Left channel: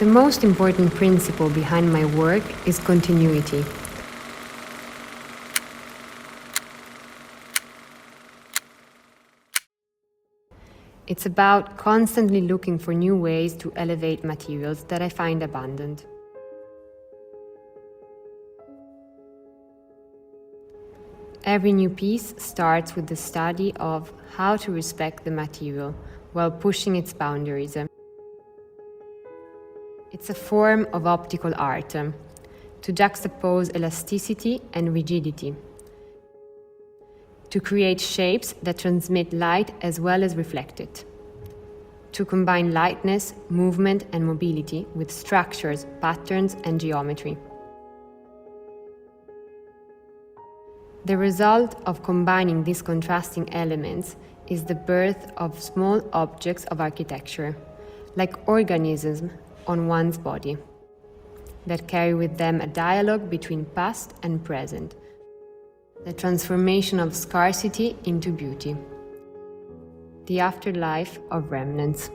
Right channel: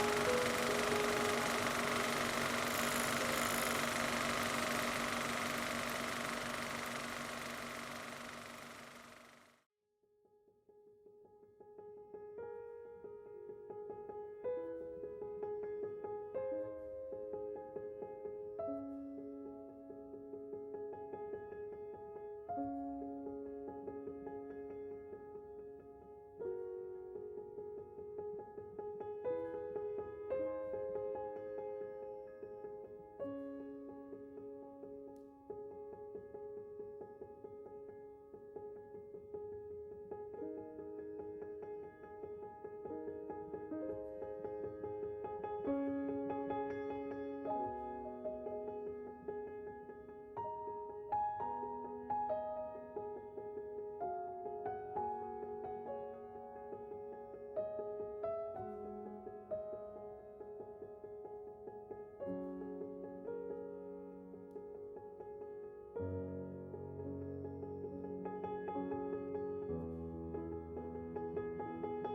The most important principle behind my work is continuity. It's about constantly looking for new ways to elevate materials that I find abundant. Every new piece starts with the study of how to respect the material while pushing its boundaries. It's a form of optical art, to juxtapose elasticity and rigidity, to create shapes that transmit light as well as reflect it, to combine lightness, movement and mobility with structures, patterns and geometry. The result of combining these contrasting elements is the birth of small objects of architecture, like organisms on one's body, that carry with them a dialogue between past and present, the transformation of scarcity into beauty, the afterlife of remnants.